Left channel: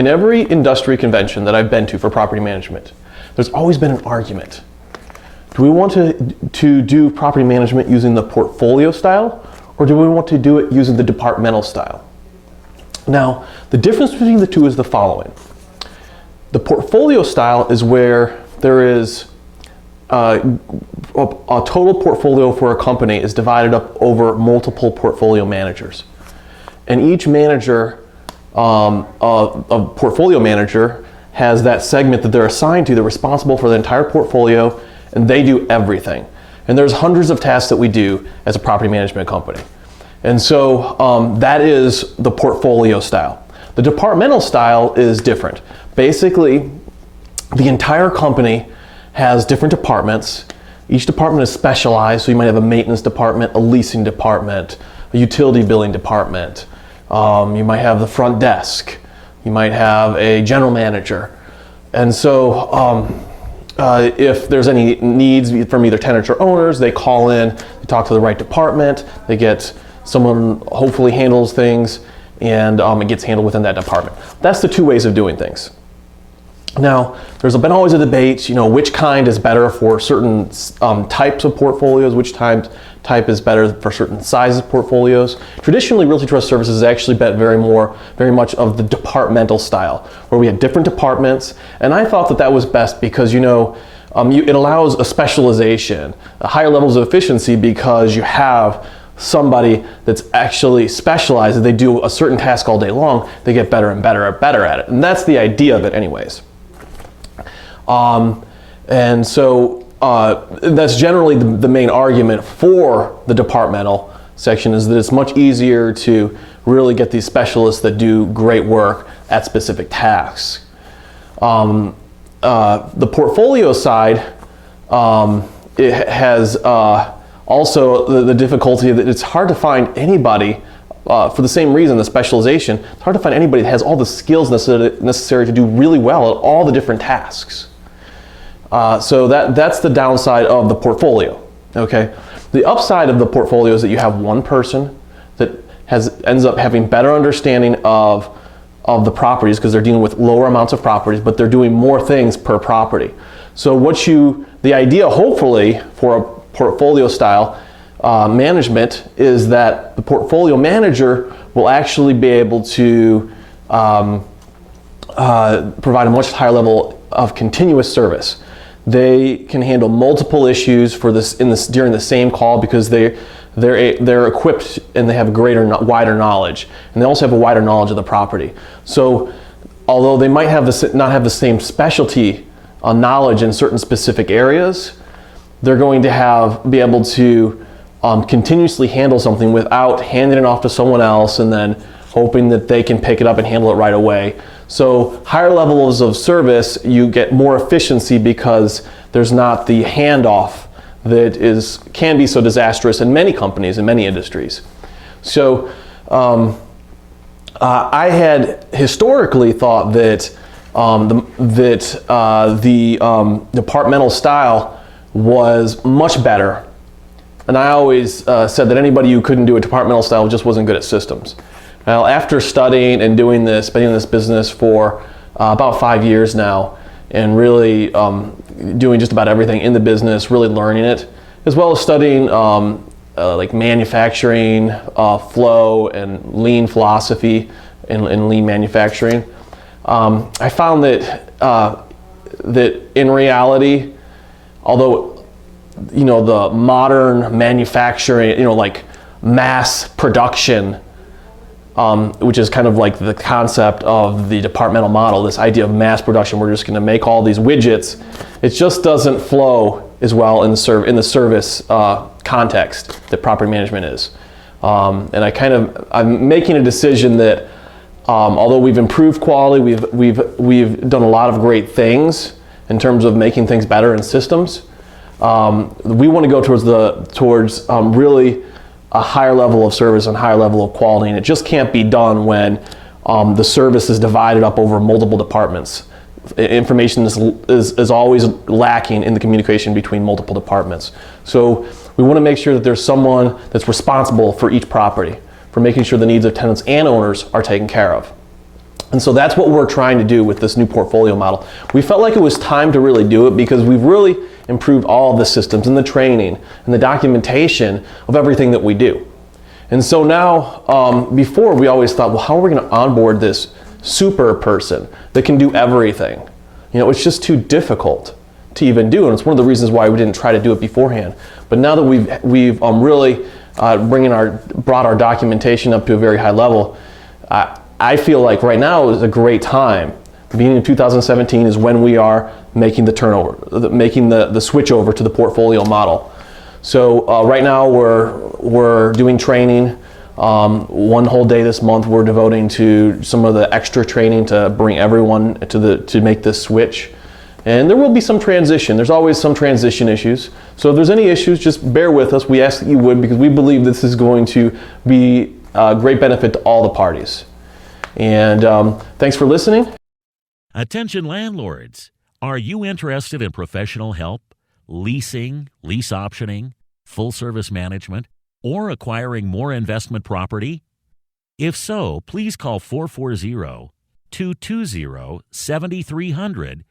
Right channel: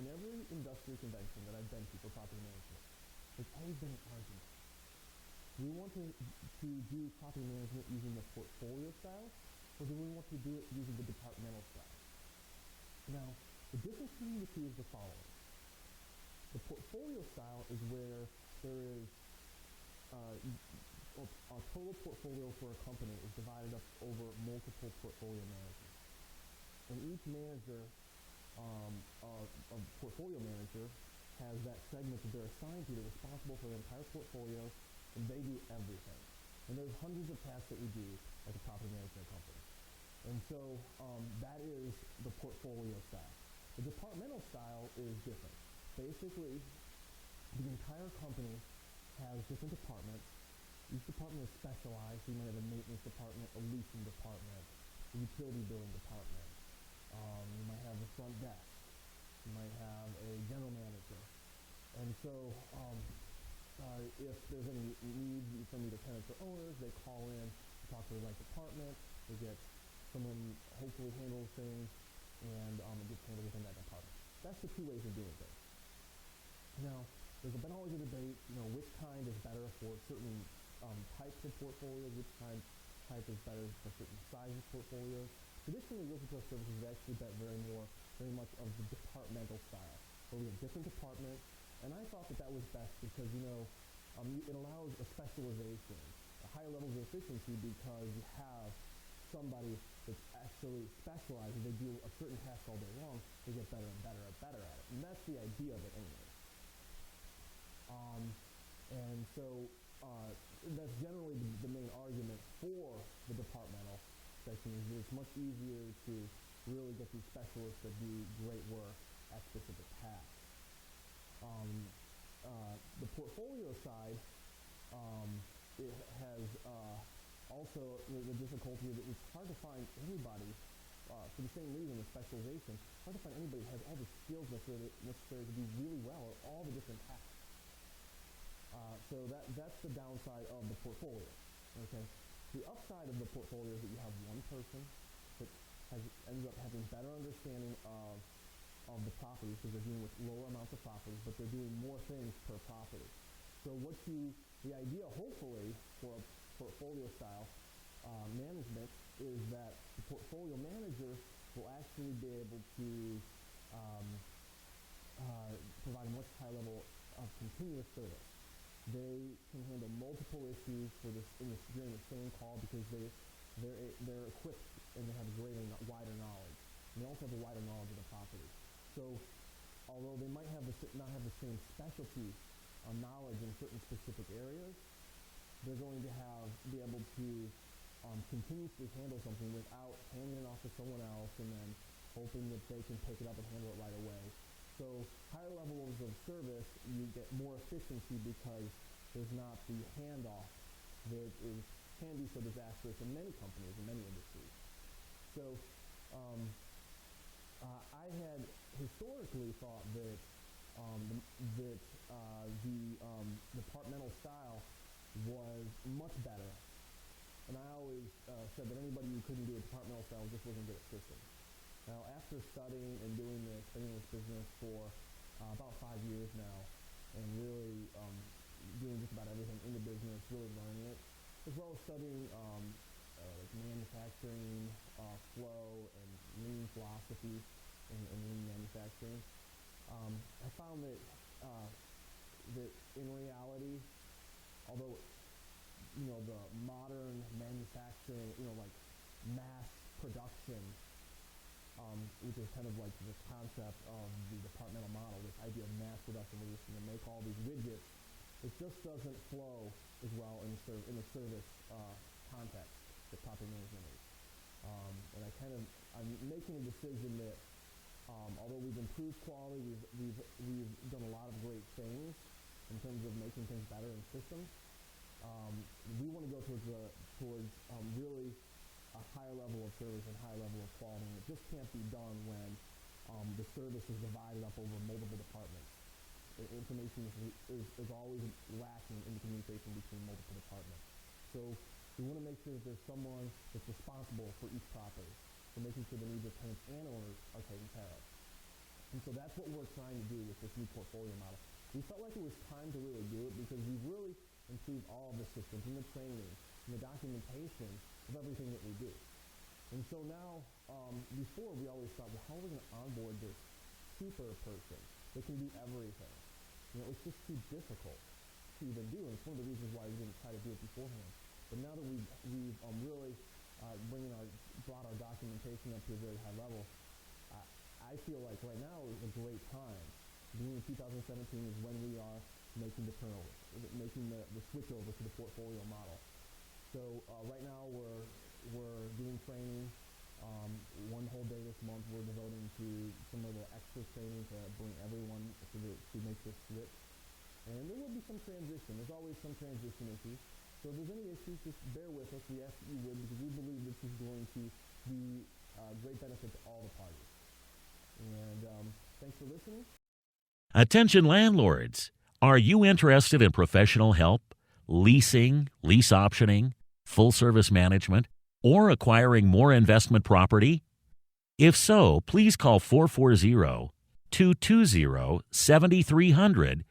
In every industry convention that I've been to for property management, there's always been an argument. Do we want to do property management using the portfolio style, or do we want to do it using the departmental style? Now, the difference between the two is the following. The portfolio style is where there is a total portfolio for a company is divided up over multiple portfolio managers. And each manager, a portfolio manager, has that segment that they're assigned to. They're responsible for the entire portfolio, and they do everything. And there's hundreds of tasks that we do as a property management company. And so that is the portfolio style. The departmental style is different. Basically, the entire company has different departments. Each department is specialized, so you might have a maintenance department, a leasing department, a utility billing department. You might have the front desk. You might have a general manager. And so if there's any needs from either tenants or owners, they call in, they talk to the right department, they get someone hopefully handles things, and it gets handled within that department. That's the two ways of doing things. Now, there's been always a debate, which kind is better for certain types of portfolios, which type is better for certain sizes of portfolios. Traditionally, Realty Trust Services has actually been very much of the departmental style, where we had different departments, and I thought that was best because, it allows a specialization, higher levels of efficiency, because you have somebody that's actually specialized. They do a certain task all day long, they get better and better at it. And that's the idea of it anyways. And so that's generally the main argument for the departmental section, is that it's much easier to really get these specialists that do great work at specific tasks. The portfolio side, it has also the difficulty that it's hard to find anybody, for the same reason, the specialization, it's hard to find anybody that has all the skills necessary to do really well at all the different tasks. So that's the downside of the portfolio, okay? The upside of the portfolio is that you have one person that ends up having better understanding of the properties, because they're dealing with lower amounts of properties, but they're doing more things per property. So the idea, hopefully, for a portfolio style management is that the portfolio manager will actually be able to provide a much higher level of continuous service. They can handle multiple issues during the same call, because they're equipped and they have a wider knowledge, and they also have a wider knowledge of the property. So although they might not have the same specialty knowledge in certain specific areas, they're going to be able to continuously handle something without handing it off to someone else and then hoping that they can pick it up and handle it right away. So higher levels of service, you get more efficiency because there's not the handoff that can be so disastrous in many companies, in many industries. So I had historically thought that the departmental style was much better. And I always said that anybody who couldn't do a departmental style just wasn't good at systems. Well, after studying and been in this business for about 5 years now, and really doing just about everything in the business, really learning it, as well as studying like manufacturing, flow, and lean philosophy in lean manufacturing, I found that in reality, although the modern manufacturing, like mass production, which is kind of like the concept of the departmental model, this idea of mass production, we're just going to make all these widgets, it just doesn't flow as well in the service context that property management is. And I'm making a decision that although we've improved quality, we've done a lot of great things in terms of making things better in systems. We want to go towards really a higher level of service and higher level of quality, and it just can't be done when the service is divided up over multiple departments. Information is always lacking in the communication between multiple departments. So we want to make sure that there's someone that's responsible for each property, for making sure the needs of tenants and owners are taken care of. And so that's what we're trying to do with this new portfolio model. We felt like it was time to really do it because we've really improved all of the systems and the training and the documentation of everything that we do. And so now, before we always thought, well, how are we going to onboard this super person that can do everything? It's just too difficult to even do, and it's one of the reasons why we didn't try to do it beforehand. But now that we've really brought our documentation up to a very high level, I feel like right now is a great time. The beginning of 2017 is when we are making the turnover, making the switch over to the portfolio model. So right now we're doing training. One whole day this month we're devoting to some of the extra training to bring everyone to make this switch. And there will be some transition. There's always some transition issues. So if there's any issues, just bear with us. We ask that you would, because we believe this is going to be a great benefit to all the parties. And thanks for listening. Attention landlords. Are you interested in professional help, leasing, lease optioning, full service management, or acquiring more investment property? If so, please call 440-220-7300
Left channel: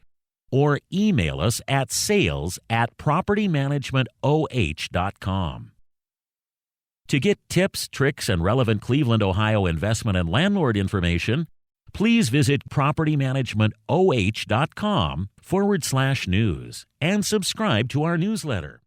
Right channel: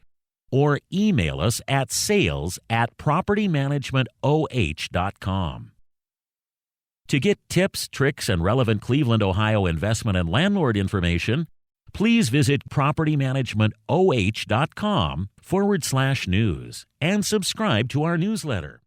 or email us at sales@propertymanagementoh.com. To get tips, tricks, and relevant Cleveland, Ohio investment and landlord information, please visit propertymanagementoh.com/news and subscribe to our newsletter.